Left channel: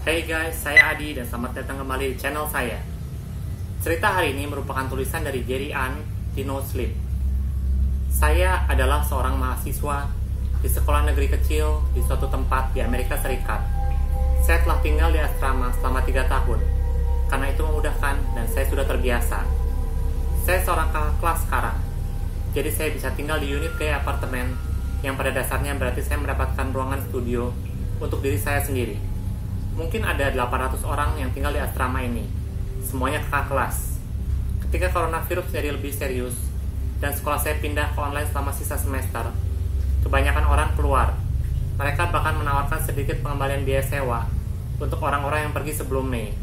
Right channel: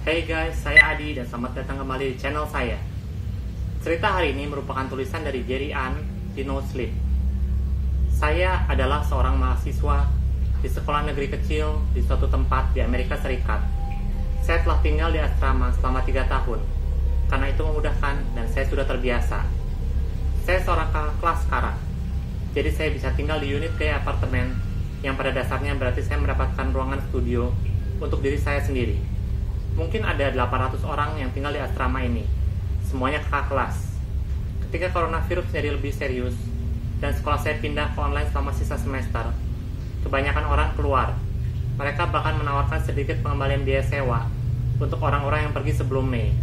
Hey guys, saya Adi dan selamat datang kembali di channel saya. Cerita hari ini merupakan tulisan dari Gary Ann di No Sleep. Saya adalah seorang mahasiswa di sekolah negeri kecil di suatu tempat di Amerika Serikat. Saya telah tinggal di asrama selama 3 tahun. Karena itu memudahkan dan saya sudah terbiasa. Saya seorang kakak kelas sekarang. Jadi saya bisa tinggal di unit kayak apartemen yang pada dasarnya berarti saya mendapatkan ruangan studio untuk diri saya sendiri. Mungkin ada 800 orang yang tinggal di asrama ini. Semuanya kakak kelas. Ketika coronavirus jadi lebih serius dan sekolah saya pindah ke online selama sisa semester, kebanyakan orang keluar. Mereka bahkan menawarkan sedikit pengembalian biaya sewa untuk orang-orang yang pergi sebelum Mei.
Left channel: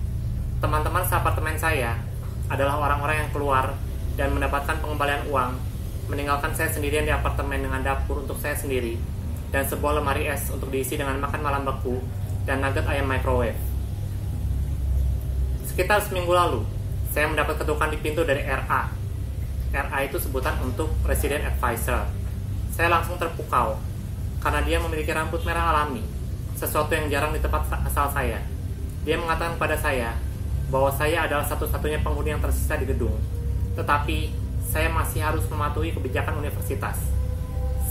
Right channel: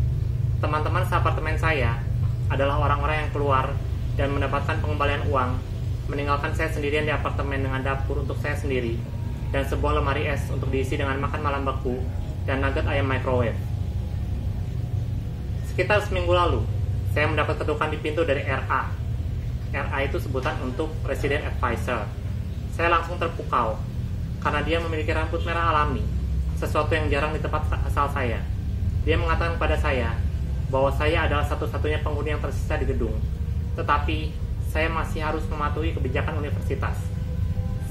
Teman-teman seapartemen saya adalah orang-orang yang keluar dan mendapatkan pengembalian uang, meninggalkan saya sendirian di apartemen dengan dapur untuk saya sendiri dan sebuah lemari es untuk diisi dengan makan malam beku dan nugget ayam microwave. Sekitar seminggu lalu, saya mendapat ketukan di pintu dari RA. RA itu sebutan untuk Resident Advisor. Saya langsung terpukau, karena dia memiliki rambut merah alami, sesuatu yang jarang di tempat asal saya. Dia mengatakan kepada saya bahwa saya adalah satu-satunya penghuni yang tersisa di gedung, tetapi saya masih harus mematuhi kebijakan universitas.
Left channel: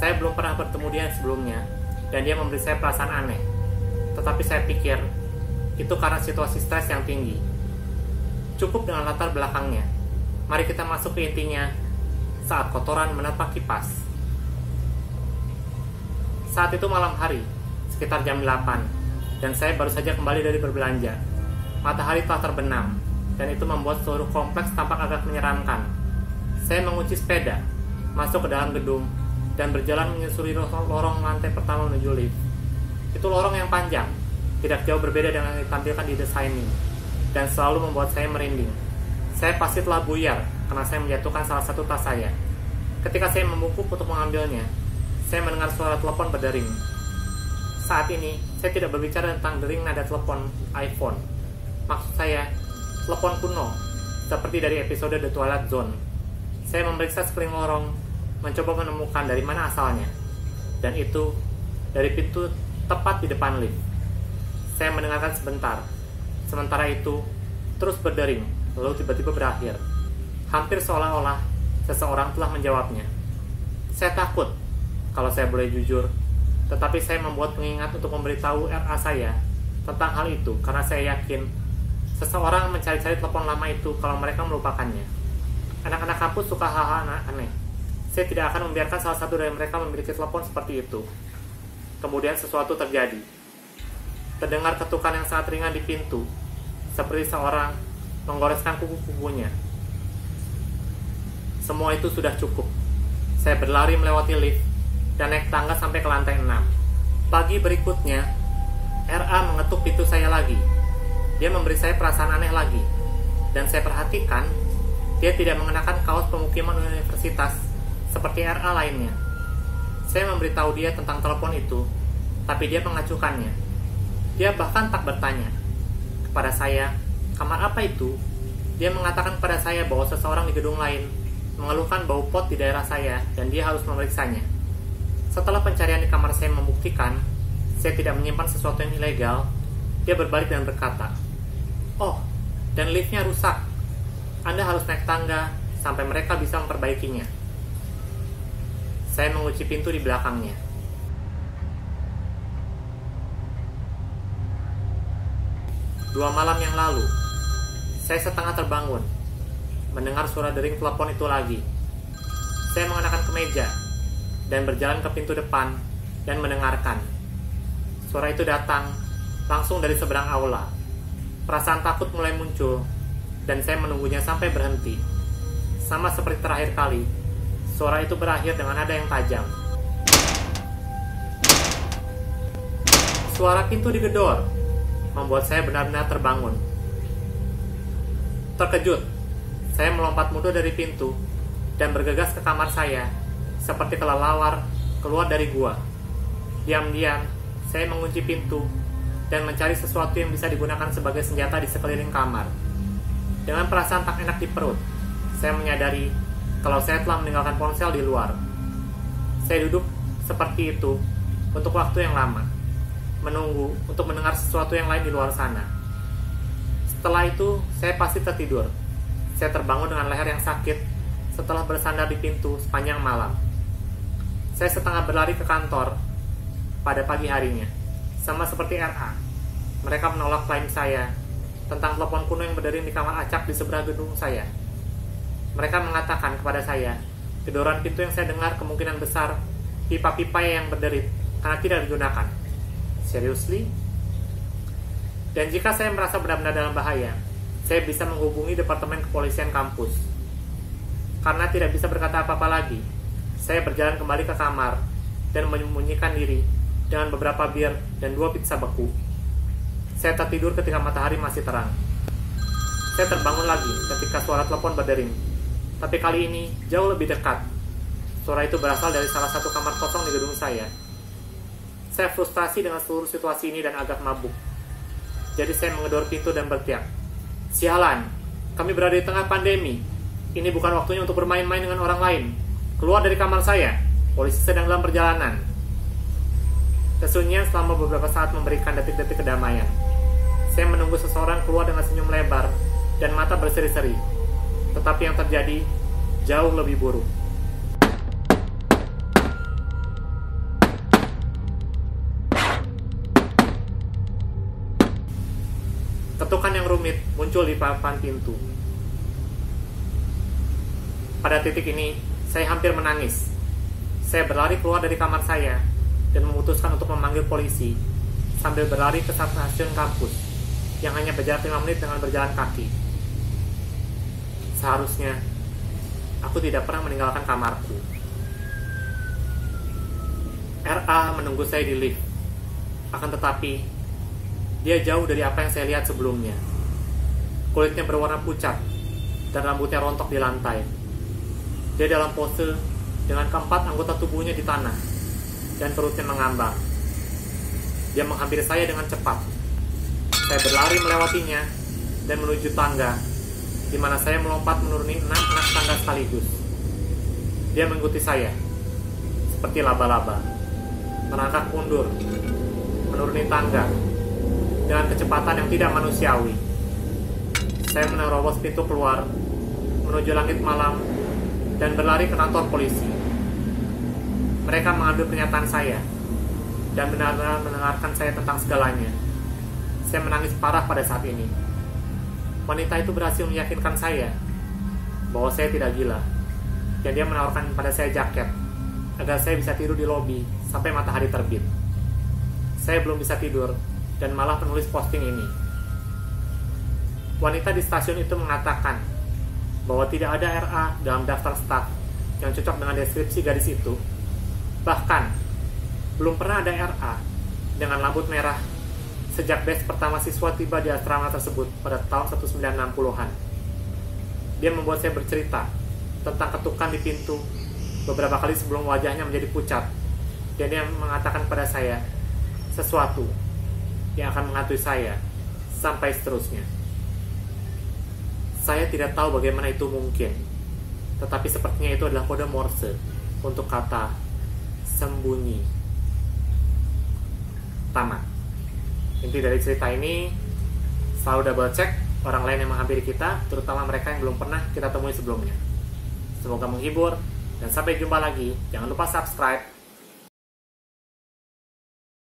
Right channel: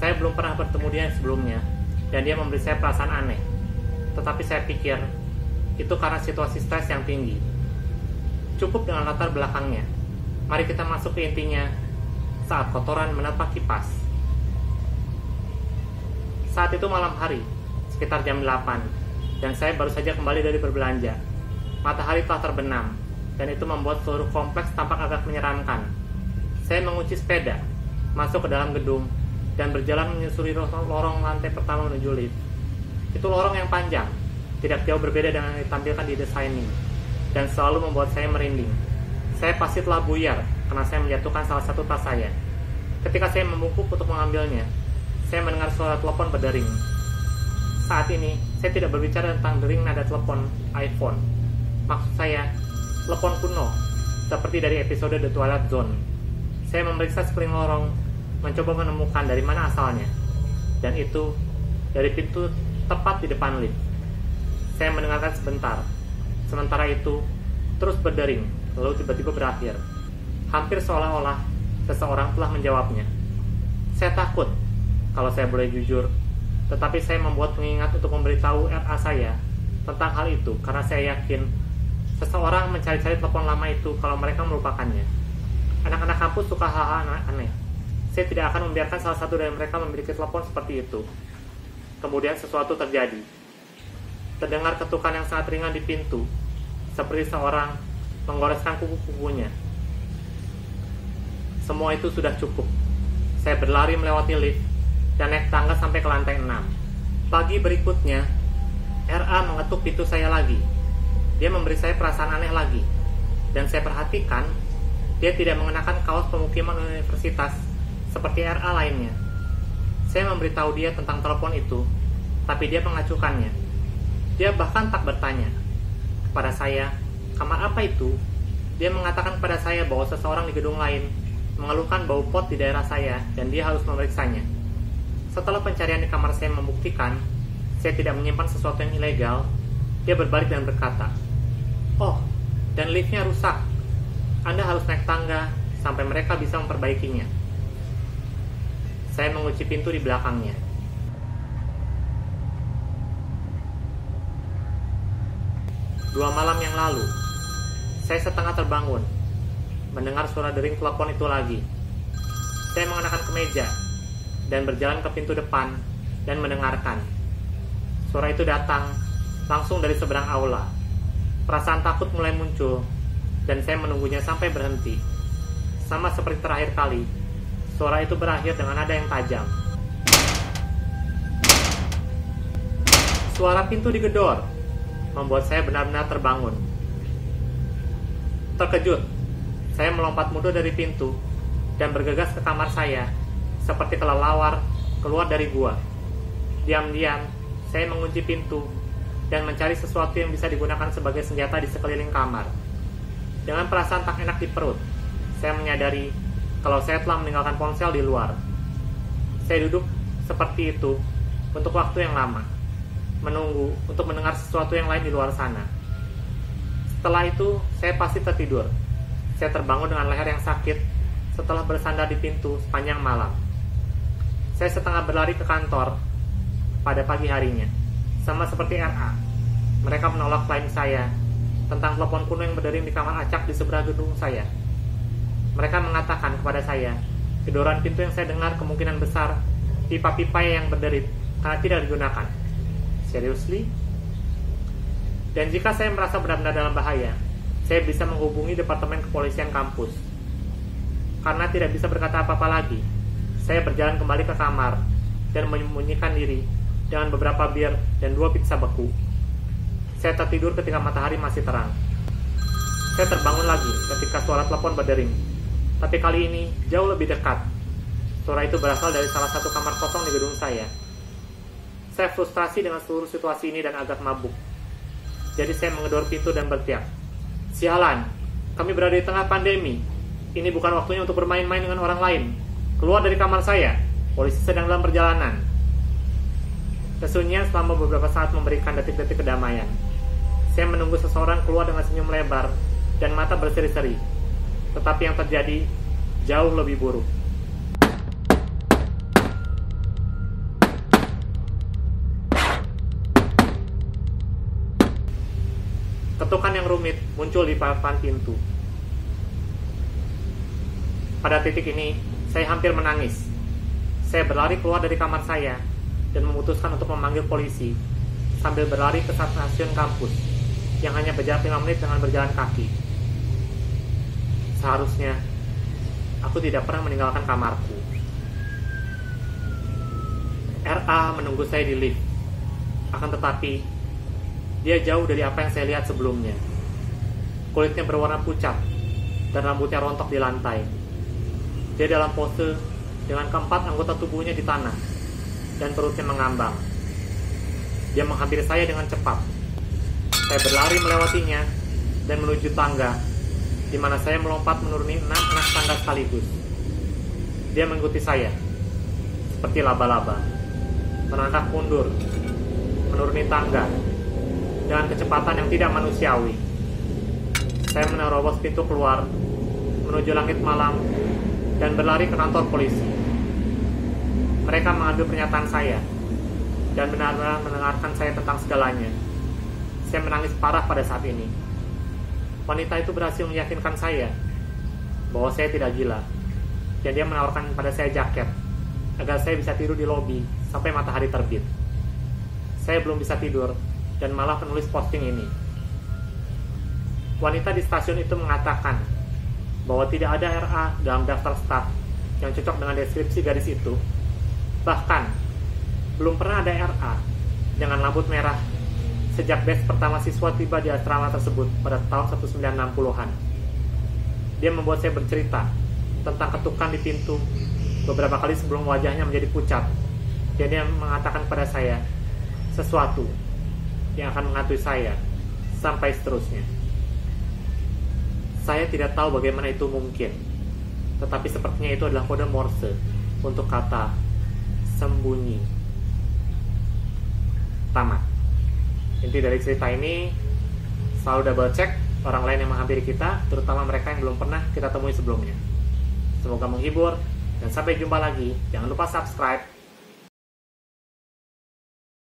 Saya belum pernah bertemu dia sebelumnya, dan dia memberi saya perasaan aneh. Tetapi saya pikir, itu karena situasi stres yang tinggi. Cukup dengan latar belakangnya. Mari kita masuk ke intinya saat kotoran menerpa kipas. Saat itu malam hari, sekitar jam 8, dan saya baru saja kembali dari berbelanja. Matahari telah terbenam, dan itu membuat seluruh kompleks tampak agak menyeramkan. Saya mengunci sepeda, masuk ke dalam gedung, dan berjalan menyusuri lorong lantai pertama menuju lift. Itu lorong yang panjang, tidak jauh berbeda dengan yang ditampilkan di The Shining, dan selalu membuat saya merinding. Saya pasti telah buyar karena saya menjatuhkan salah satu tas saya. Ketika saya membungkuk untuk mengambilnya, saya mendengar suara telepon berdering. Saat ini, saya tidak berbicara tentang dering nada telepon iPhone. Maksud saya, telepon kuno, seperti dari episode The Twilight Zone. Saya memeriksa sekeliling lorong, mencoba menemukan dari mana asalnya. Dan itu, dari pintu tepat di depan lift. Saya mendengarkan sebentar. Sementara itu, terus berdering, lalu tiba-tiba berakhir. Hampir seolah-olah seseorang telah menjawabnya. Saya takut, kalau saya boleh jujur, tetapi saya membuat pengingat untuk memberitahu RA saya tentang hal itu karena saya yakin seseorang mencari-cari telepon lama itu kalau mereka melupakannya. Anak-anak kampus suka hal-hal aneh. Saya tidak akan membiarkan salah satu dari mereka memiliki telepon seperti itu. Kemudian sesuatu terjadi. Terdengar ketukan yang sangat ringan di pintu, seperti seorang menggoreskan kuku-kukunya. Semua itu sudah cukup. Saya berlari melewati lift dan naik tangga sampai ke lantai 6. Pagi berikutnya, RA mengetuk pintu saya lagi. Dia memberi saya perasaan aneh lagi. Dan saya perhatikan, dia tidak mengenakan kaos pemukiman universitas seperti RA lainnya. Saya memberitahu dia tentang telepon itu, tapi dia mengacuhkannya. Dia bahkan tak bertanya. Kepada saya, kamar apa itu? Dia mengatakan kepada saya bahwa seseorang di gedung lain mengeluhkan bau pot di daerah saya dan dia harus memeriksanya. Setelah pencarian di kamar saya membuktikan saya tidak menyimpan sesuatu yang ilegal, dia berbalik dan berkata, "Oh, dan liftnya rusak. Anda harus naik tangga sampai mereka bisa memperbaikinya." Saya mengunci pintu di belakangnya. Dua malam yang lalu, saya setengah terbangun, mendengar suara dering telepon itu lagi. Saya mengenakan kemeja dan berjalan ke pintu depan dan mendengarkan. Suara itu datang langsung dari seberang aula. Perasaan takut mulai muncul, dan saya menunggunya sampai berhenti. Sama seperti terakhir kali, suara itu berakhir dengan nada yang tajam. Suara pintu digedor, membuat saya benar-benar terbangun. Terkejut, saya melompat mundur dari pintu, dan bergegas ke kamar saya, seperti kelelawar keluar dari gua. Diam-diam, saya mengunci pintu, dan mencari sesuatu yang bisa digunakan sebagai senjata di sekeliling kamar. Dengan perasaan tak enak di perut, saya menyadari kalau saya telah meninggalkan ponsel di luar. Saya duduk seperti itu untuk waktu yang lama, menunggu untuk mendengar sesuatu yang lain di luar sana. Setelah itu, saya pasti tertidur. Saya terbangun dengan leher yang sakit setelah bersandar di pintu sepanjang malam. Saya setengah berlari ke kantor pada pagi harinya. Sama seperti RA, mereka menolak klaim saya tentang telepon kuno yang berdering di kamar acak di sebelah gedung saya. Mereka mengatakan kepada saya, gedoran pintu yang saya dengar kemungkinan besar pipa-pipa yang berderit karena tidak digunakan. Seriously? Dan jika saya merasa benar-benar dalam bahaya, saya bisa menghubungi Departemen Kepolisian kampus. Karena tidak bisa berkata apa-apa lagi, saya berjalan kembali ke kamar dan menyembunyikan diri dengan beberapa bir dan 2 pizza beku. Saya tertidur ketika matahari masih terang. Saya terbangun lagi ketika suara telepon berdering, tapi kali ini jauh lebih dekat. Suara itu berasal dari salah satu kamar kosong di gedung saya. Saya frustasi dengan seluruh situasi ini dan agak mabuk. Jadi saya menggedor pintu dan berteriak, "Sialan, kami berada di tengah pandemi. Ini bukan waktunya untuk bermain-main dengan orang lain. Keluar dari kamar saya, polisi sedang dalam perjalanan." Kesunyian selama beberapa saat memberikan detik-detik kedamaian. Saya menunggu seseorang keluar dengan senyum lebar dan mata berseri-seri. Tetapi yang terjadi jauh lebih buruk. Ketukan yang rumit muncul di papan pintu. Pada titik ini, saya hampir menangis. Saya berlari keluar dari kamar saya dan memutuskan untuk memanggil polisi sambil berlari ke stasiun kampus yang hanya berjarak 5 menit dengan berjalan kaki. Seharusnya, aku tidak pernah meninggalkan kamarku. RA menunggu saya di lift. Akan tetapi, dia jauh dari apa yang saya lihat sebelumnya. Kulitnya berwarna pucat dan rambutnya rontok di lantai. Dia dalam pose dengan keempat anggota tubuhnya di tanah dan perutnya mengambang. Dia menghampiri saya dengan cepat. Saya berlari melewatinya dan menuju tangga, di mana saya melompat menuruni 6 anak tangga sekaligus. Dia mengikuti saya seperti laba-laba, merangkak mundur, menuruni tangga dengan kecepatan yang tidak manusiawi. Saya menerobos pintu keluar, menuju langit malam, dan berlari ke kantor polisi. Mereka mengambil pernyataan saya, dan benar-benar mendengarkan saya tentang segalanya. Saya menangis parah pada saat ini. Wanita itu berhasil meyakinkan saya bahwa saya tidak gila, dan dia menawarkan pada saya jaket, agar saya bisa tidur di lobi sampai matahari terbit. Saya belum bisa tidur, dan malah penulis posting ini. Wanita di stasiun itu mengatakan bahwa tidak ada RA dalam daftar staf yang cocok dengan deskripsi gadis itu. Bahkan, belum pernah ada RA dengan rambut merah sejak batch pertama siswa tiba di asrama tersebut pada tahun 1960-an. Dia membuat saya bercerita tentang ketukan di pintu beberapa kali sebelum wajahnya menjadi pucat. Dan dia mengatakan pada saya sesuatu yang akan menghantui saya sampai seterusnya. Saya tidak tahu bagaimana itu mungkin, tetapi sepertinya itu adalah kode Morse untuk kata sembunyi. Tamat. Inti dari cerita ini, selalu double check orang lain yang menghampiri kita, terutama mereka yang belum pernah kita temui sebelumnya. Semoga menghibur, dan sampai jumpa lagi. Jangan lupa subscribe,